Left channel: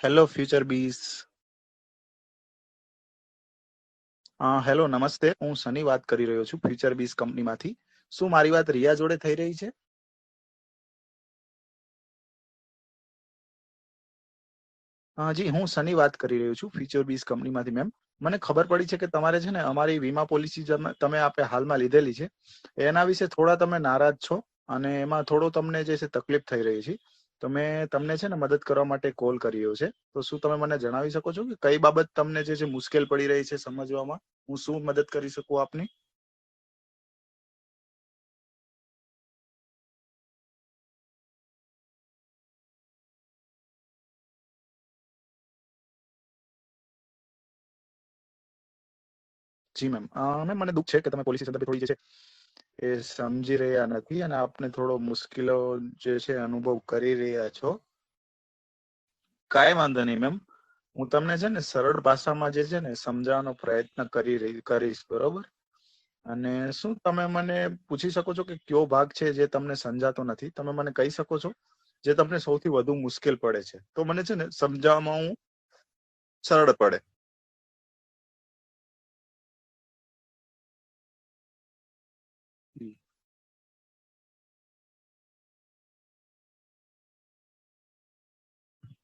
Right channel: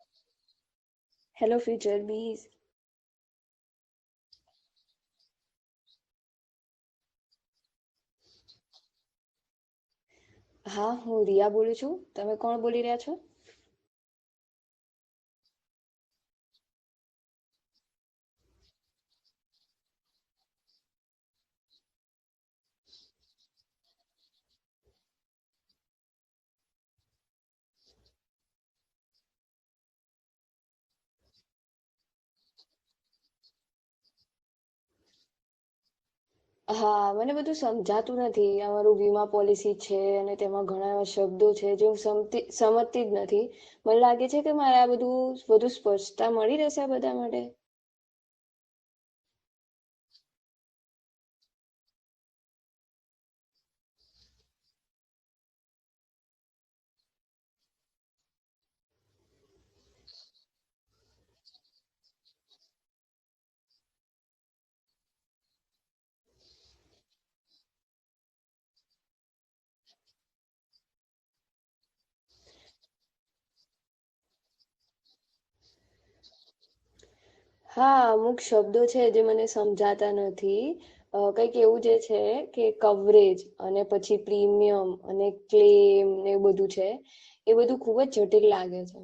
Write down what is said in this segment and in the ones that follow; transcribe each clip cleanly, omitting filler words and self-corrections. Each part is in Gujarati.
Hello future bees. Hello future bees. Hello નમસ્તે, હું સની વાત કરી રહ્યો છું ફ્યુચર બીસ કંપનીમાંથી. શું મારી વાત રિયા જોડે થઈ રહી છે? હા, હું રિયા બોલું છું. તમે કોણ બોલી રહ્યા છો? જી, હું સની વાત કરી રહ્યો છું ફ્યુચર બીસ કંપનીમાંથી. મેમ, મને ખબર પડી છે કે તમારે છે ને અમારી વીમા પોલિસી તમે આપણે હાલમાં લીધેલી છે, એના વિશે થોડા તમે નારાજ છો અને એમાં થોડો તમને જે છે તકલીફ થઈ રહી છે. તો મેં તમને છે ને મદદ કરવા માટે કોલ કર્યો છે. તો શું તમે મને જણાવી શકો છો કે કઈ બાબત તમને જે છે મુશ્કેલ પડી રહી છે સમજવામાં? હું શું મદદ કરી શકું આપની? હા, મને બધું સમજાતું નથી. અમારું વીમા પોલિસી છે અને તેમાં ઘણા એવા શબ્દો છે જે હું સમજતી જ નથી. મને લાગે છે કે મારે આ બધું વધુ સ્પષ્ટતા મળી રહેશે આ બધા માટે. જી મેમ, મને દુઃખ છે કે તમે પોલિસી સંદર્ભે થોડી જે છે એ સમજી રહ્યા નથી અને આપને થોડો મુશ્કેલો જે છે અનુભવ કરી રહ્યા છો. કાંઈ વાંધો નહીં મેમ, હું તમને છે ને સરળ ભાષામાં જે છે ને સમજાવવાનો પ્રયત્ન કરીશ, બરોબર? અને શું તમે મને પૂછી શકો છો કે કયો ભાગ છે જે તમને સમજાતો નથી? તમે મને કહી શકો છો જે તમને સૌથી વધુ મુશ્કેલ પડે છે, તો મને છે ને સમજાવવામાં હું સરળ પડે. હા, અમુક શબ્દો છે જે મને સમજાતા નથી. કંઈક એવું જે છે કે કવરેજ અને પછી પ્રીમિયમ અને ક્લેમ ને એવું બધું છે, એ બધું ખૂબ જ જટિલ લાગે છે.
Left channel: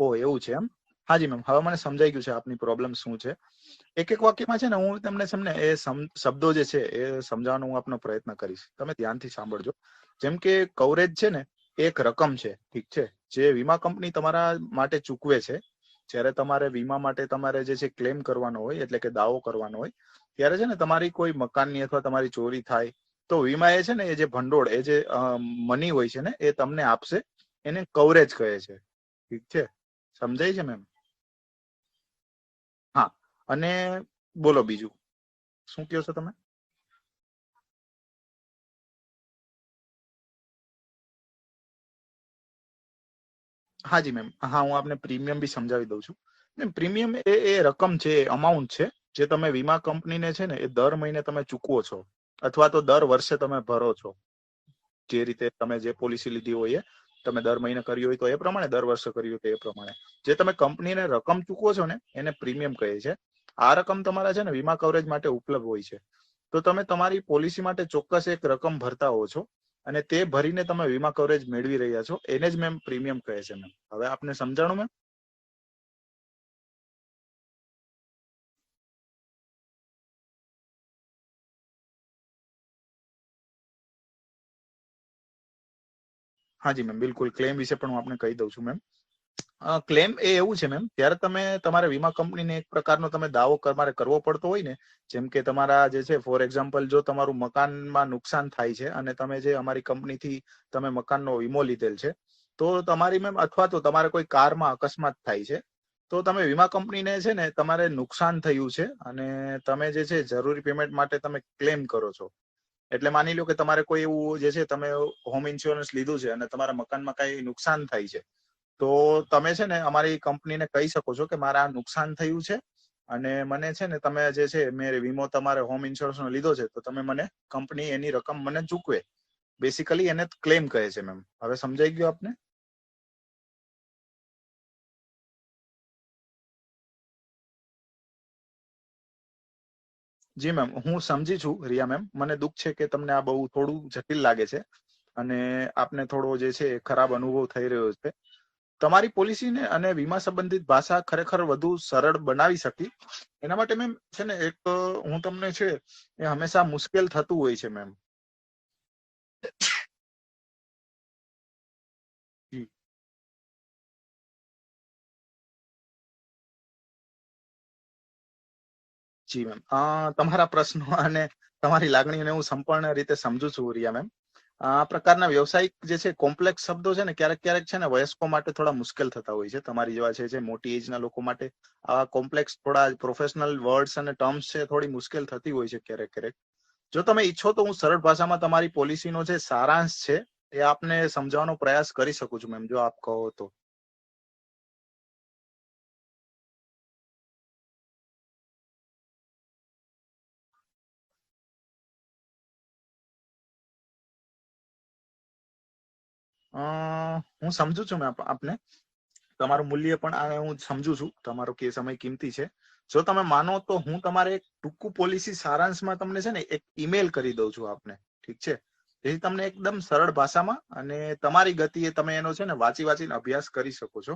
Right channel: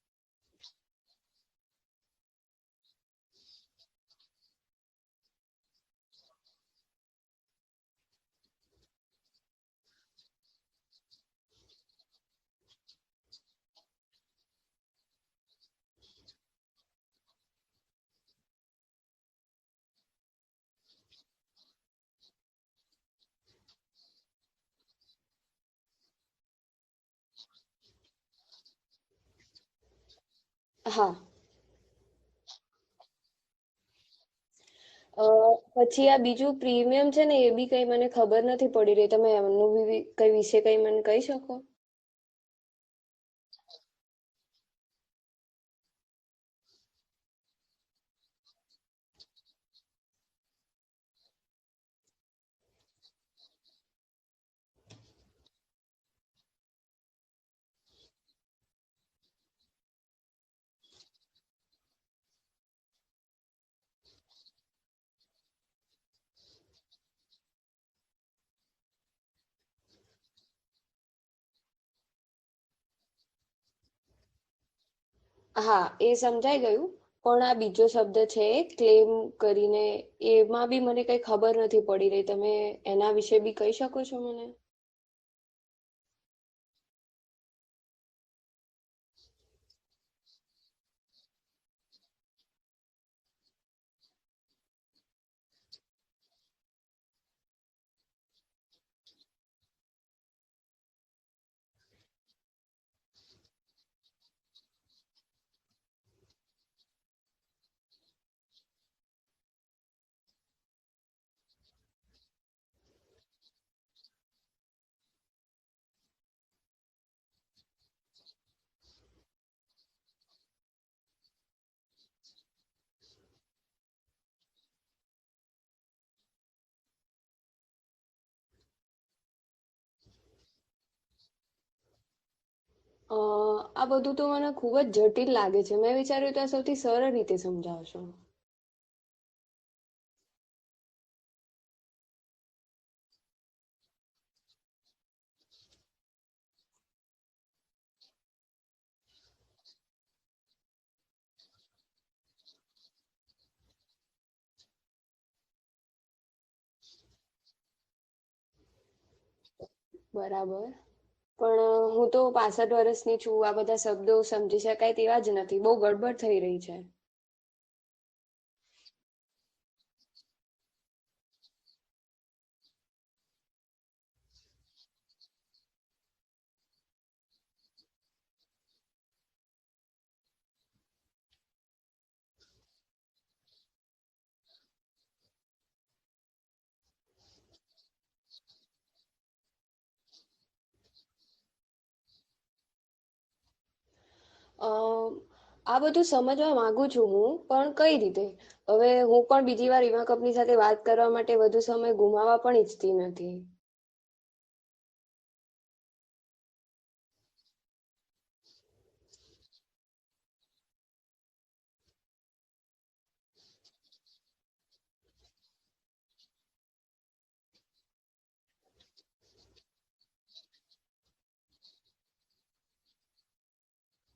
ઓ, એવું છે એમ? હાજી મેમ, હવે મને સમજાઈ ગયું છે આપની પ્રોબ્લેમ શું છે. એક એક વાક્યમાં છે ને હું તમને એ શબ્દો જે છે એ સમજાવવાનો હું આપનો પ્રયત્ન કરીશ. તમે ધ્યાનથી સાંભળજો. જેમ કે કવરેજ છે ને એક રકમ છે, ઠીક છે, જે વીમા કંપની તમારા માટે ચૂકવે છે જ્યારે તમારે વીમા માટે તમારે જે છે ક્લેમ કરવાનો હોય, એટલે કે દાવો કરવાનો હોય, ત્યારે છે ને તમારી કોઈ મકાનની અથવા તમારી ચોરી થાય તો વીમા એ છે ને એ જે ભંડોળ, એ જે મની હોય છે ને એ તમને આપશે. એને કવરેજ કહે છે, ઠીક છે? સમજાય છે મેમ? હા. હા, અને બોલો બીજું શું કહો પછી છો આ તમે? બીજું પ્રીમિયમ છે ને એ બી કઈ મને ખબર નથી પડી રહી. તમે એમનું બી કઈ વિશે કઈ મને કહી શકો? હાજી મેમ, હા, હું આપને પ્રીમિયમ બી સમજાવી દઉં છું. પ્રીમિયમ એ રકમ છે, અમાઉન્ટ છે જે તમે વીમા કંપનીને છે ને એ દર મહિને તમે ચૂકવો છો અથવા તો દર વર્ષે તમે ભરો છો. જે રીતે તમે જે પોલિસી લીધી હોય એ તમે દર મહિને કરી હોય તો એ પ્રમાણે, દર વર્ષે કરી હોય તો એ પ્રમાણે જે તમે કંપનીને રકમ ચૂકવો છો ને એને પ્રીમિયમ કહે છે. આ રકમ તમારા છે ને વીમા કવરેજ માટે ઉપલબ્ધ હોય છે. તો તમે તમારી પોલિસી માટે ચોક્કસ એક રકમ ભરતા હો છો અને તે ભરીને તમે વીમા કવરેજ મેળવી રહ્યા છો, એને જ મેમ પ્રીમિયમ કહે છે. મેમ, હવે આપને સમજાણું મેમ? હા, એ સમજાઈ ગયું. પણ આ બીજો શબ્દ છે ક્લેમ કરીને, એમાં બી મને કઈ ખબર નથી પડી રહી. તમે એના વિશે બી કહી શકો છો મને? હાજી મેમ, બિલકુલ. ક્લેમ વિશે પણ હું આપને કહી દઉં છું મેમ. ક્લેમ એ એવું છે મેમ, ત્યારે તમે તમારા વીમા કંપનીને એક પ્રકારનો તમે દાવો તમારે કરવો પડતો હોય ને, જેમ કે તમારા જે છે ફોર એક્ઝામ્પલ, જો તમારું મકાનમાં નુકસાન થાય છે અને તમે જે અમારી કંપનીથી તમે મકાનનો વીમો લીધેલ છે, તો તમારી મેમ, અથવા તો તમારે કોઈ કારમાં અકસ્માત થાય છે તો તમે વીમા કંપનીને છે ને તમારે નુકસાન થયું છે અને તમે જે છે જરૂરી પેમેન્ટ માટે તમે ક્લેમ કરો છો. એટલે માની લો કે તમારે કોઈ એવું જે છે, તમે હોમ ઇન્સ્યોરન્સ લીધું છે અને તમારા મકાનમાં કઈ નુકસાન થાય છે, તો તમે છે ને અમારી કંપનીને કહી શકો છો કે મારે આ નુકસાન થયું છે અને મને છે ને તમે જે છે મેં વીમો તમારે હોમ ઇન્સ્યોરન્સ નો લીધો છે, તો તમે મને કંપની એની રકમ મને ચૂકવે. બેસિકલી એને ક્લેમ કહે છે મેમ. હવે સમજાઈ ગયું આપને? આ બધું તો મને ખૂબ જ જટિલ લાગે છે. મેં વિચાર્યું તો આ સૌથી સરળ રીતે સમજાવશો. જી મેમ, હું સમજી છું રિયા મેમ. મને દુઃખ છે કે તમને આ બહુ થોડું જટિલ લાગે છે અને આપને થોડો જે છે ખરાબ અનુભવ થઈ રહ્યો છે. તમારી પોલિસીને અને વીમા સંબંધિત ભાષા ખરેખર વધુ સરળ બનાવી શકી એના માટે મેમ છે ને એક હું તમને છે એ હંમેશા મુશ્કેલ થતું હોય છે મેમ. બરાબર. પણ હું તો 65 વર્ષની છું. આ બધા શબ્દો સમજી શકાય તેવા જ નથી. બહુ ગડબડ થઈ રહી છે. જી મેમ, તમારા પ્રશ્નો અને તમારી લાગણીઓને હું સંપૂર્ણ રીતે સમજુ છું રિયા મેમ. આ પ્રકારના વ્યવસાયિક જે છે કોમ્પ્લેક્સ શબ્દો છે ને ક્યારેક ક્યારેક છે ને વયસ્કો માટે થોડા મુશ્કેલ થતા હોય છે. તમારી જેવા છે જે મોટી એજ ના લોકો માટે આવા કોમ્પ્લેક્સ થોડા પ્રોફેશનલ વર્ડ્સ અને ટર્મ્સ છે થોડી મુશ્કેલ થતી હોય છે ક્યારેક ક્યારેક. જો તમે ઈચ્છો તો હું સરળ ભાષામાં તમારી પોલિસીનો જે સારાંશ છે એ આપને સમજાવવાનો પ્રયાસ કરી શકું છું મેમ, જો આપ કહો તો. અ આ બધું સમજવા માંગુ છું હું, પણ કઈ રીતે? હવે હું પણ બીજી વાર વીમા કંપની સાથે વાત કરવા માટે વધુ સમય ગુમાવવા પણ ઈચ્છતી નથી. હું સમજુ છું મેમ આપને. તમારું મૂલ્ય પણ આ હું સમજુ છું, તમારો કે સમય કિંમતી છે. જો તમે માનો તો હું તમારે એક ટૂંકું પોલિસી સારાંશમાં તમને છે ને એક ઈમેલ કરી દઉં છું આપને, ઠીક છે? જેથી તમને એકદમ સરળ ભાષામાં અને તમારી ગતિએ તમે એનો છે ને વાંચીને અભ્યાસ કરી શકો છો.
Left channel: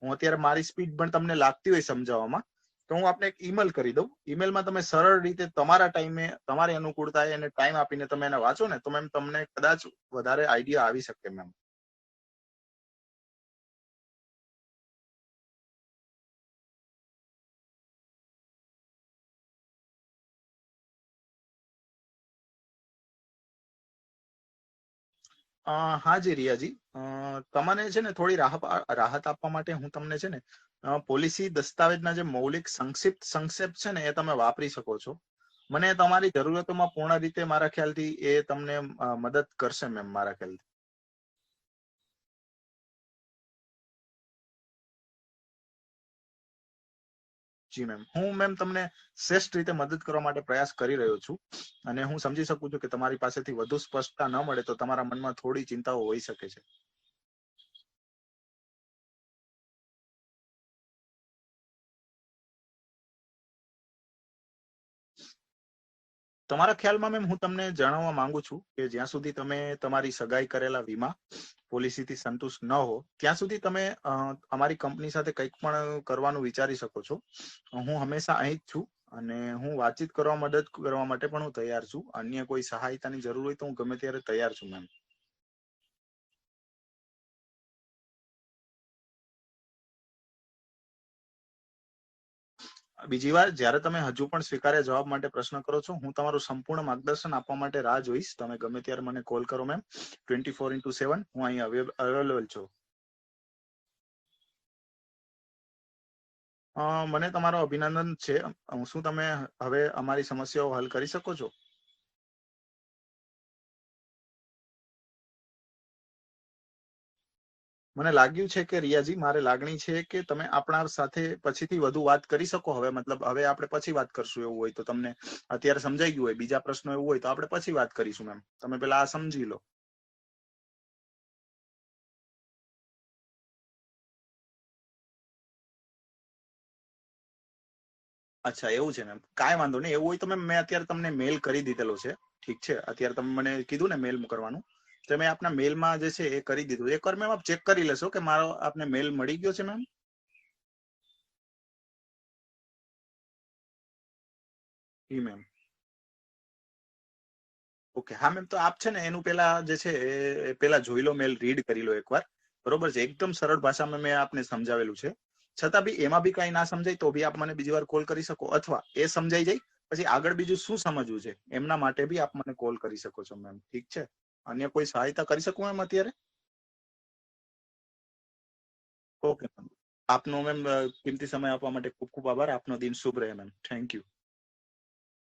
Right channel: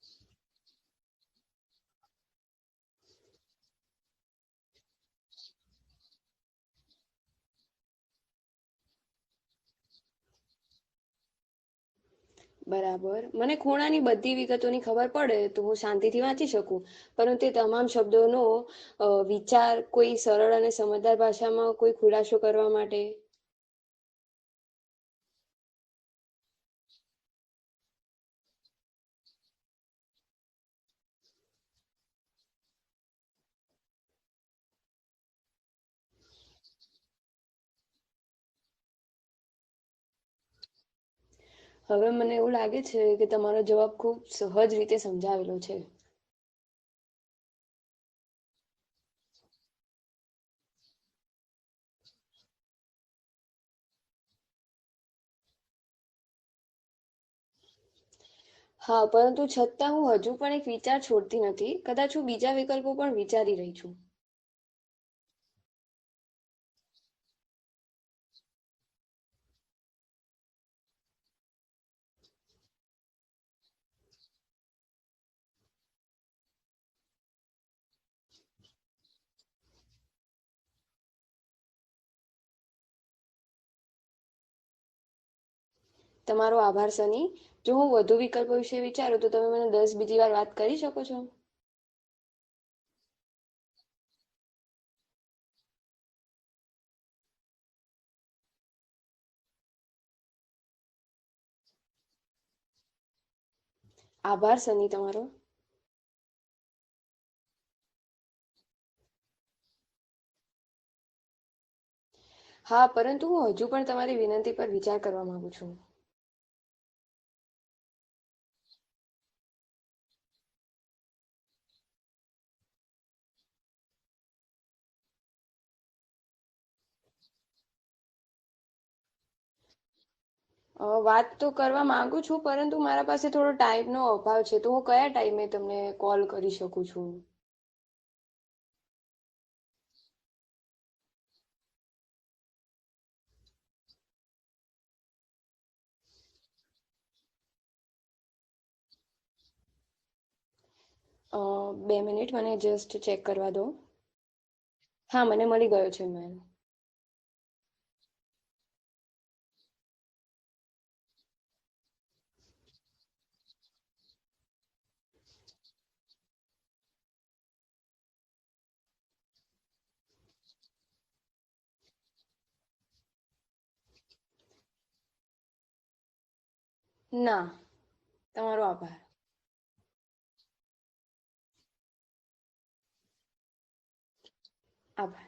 હું અત્યારે મારી સ્પીડ પણ તમને લાગતી હોય સમજાવવામાં, તો હું આપને એક ઈમેલ કરી દઉં. ઈમેલમાં તમે સરળ રીતે તમારા ટાઈમે તમારી અનુકૂળતાએ એને ટાઈમ આપીને તમે એને વાંચો ને તો મેમ તમને કદાચ વધારે આઈડિયા આવી શકે મેમ. બરાબર. મને ખૂણાની બધી વિગતોની ખબર પડે તો હું શાંતિથી વાંચી શકું, પરંતુ તે તમામ શબ્દોનો વિચાર કોઈ સરળ અને સમજદાર ભાષામાં કોઈ ખુલાસો કરવા માટે. હા જી રિયાજી, તમને છે ને થોડી રાહત આપવા માટે હું તમને છે ને પોલિસી દસ્તાવેજના જે મૌલિક સંક્ષેપ છે ને એ તમે વાપરી શકો છો. મને તમારી જરૂરતોમાં પૂર્ણ રીતે મારા ખ્યાલથી એ તમને મદદ કરશે મેમ, મારા ખ્યાલથી. હવે મને એવું લાગે છે કે તમારો જવાબ ખૂબ સહજ રીતે સમજાવેલો છે. જી મેમ, હું મેમ તમને શ્રેષ્ઠ રીતે મદદ કરવા માટે પ્રયાસ કરી રહ્યો છું, અને હું સમજી શકું છું કે તમારી પાસેથી વધુ સ્પષ્ટતા ન મળે તો તમારા મનમાં થોડી ચિંતાઓ હોઈ શકે છે. હા, પરંતુ છતાં હું હજુ પણ એક વિચાર છોડતી નથી. કદાચ હું બીજા વિકલ્પો પણ વિચારી રહી છું. તમારા ખ્યાલમાં મેમ હું તમને જણાવવા માંગુ છું કે જ્યાં સુધી તમે તમારી સગાઈ કરેલા વીમા પોલિસીથી સંતુષ્ટ ન હો ત્યાં સુધી તમે અમારી કંપની સાથે કંઈક પણ કરવાનું વિચારી શકો છો. હું હંમેશા અહીં જ છું અને હું વાતચીત કરવા મદદ કરવા માટે પણ હું તૈયાર છું. અન્ય કોઈ સહાયતાની જરૂર હોય તો હું ગમે ત્યારે તૈયાર છું મેમ. તમારો આભાર સની. જો હું વધુ વિકલ્પો વિશે વિચારું તો તમે મને 10 બીજી વાર વાત કરી શકો છો? બીજી વાર જ્યારે તમે હજુ પણ સ્વીકાર્ય જવાબ માટે પ્રશ્ન કરો છો, હું તમારું સંપૂર્ણ માર્ગદર્શન આપવા માટે રાહ જોઈશ. તમે ગમે ત્યારે મને કોલ કરો મેમ. 24/7 હું અહીં અવેલેબલ છું. આભાર સની તમારો. મને તમારો અભિનંદન છે. શું તમે હવે અમારી સમસ્યાઓ હલ કરી શકો છો? હા, પરંતુ હું હજુ પણ તમારી વિનંતી પર વિચાર કરવા માંગુ છું. મને લાગ્યું છે કે રિયાજી, મારે લાગણી છે કે તમે આપણા સાથે પછીથી વધુ વાત કરી શકો. હવે મતલબ હવે આપણે પછી વાત કરશું. એવું હોય તો તમને અત્યારે સમજાઈ ગયું હોય, બીજા પ્રશ્નો એવું હોય તો આપણે પછી વાત કરીશું મેમ. તમે પેલા આ સમજી લો. વાત તો કરવા માંગુ છું, પરંતુ મારા પાસે થોડો ટાઈમનો અભાવ છે, તો હું કયા ટાઈમે તમને કોલ કરી શકું છું? અચ્છા, એવું છે મેમ. કાંઈ વાંધો નહીં. એવું હોય તો મેમ મેં અત્યારે તમને મેલ કરી દીધેલો છે. ઠીક છે, અત્યારે તમે મને કીધું ને મેલ કરવાનું, તો મેં આપના મેલમાં જે છે એ કરી દીધું. એકવાર મેમ આપ ચેક કરી લેશો કે મારો આપને મેલ મળી ગયો છે મેમ? 2 મિનિટ, મને જસ્ટ ચેક કરવા દો. હા, મેમ. મને મળી ગયો છે મેલ. ઓકે, હા મેમ. તો આપ છે ને એનું પેલા જે છે એ પેલા જોઈ લો, મેલ રીડ કરી લો એકવાર. બરોબર છે, એકદમ સરળ ભાષામાં મેં આપને સમજાવેલું છે. છતાં બી એમાં બી કઈ ના સમજાય તો બી આપ મને બીજી વાર કોલ કરી શકો, અથવા એ સમજાઈ જાય પછી આગળ બીજું શું સમજવું છે એમના માટે બી આપ મને કોલ કરી શકો છો મેમ. ઠીક છે? અન્ય કોઈ સહાયતા કરી શકું એમ અત્યારે? ના, તમારો આભાર. Okay ma'am. આપનો મેમ કિંમતી સમય આપવા માટે ખૂબ ખૂબ આભાર. આપનો દિન શુભ રહે મેમ. Thank you. આભાર.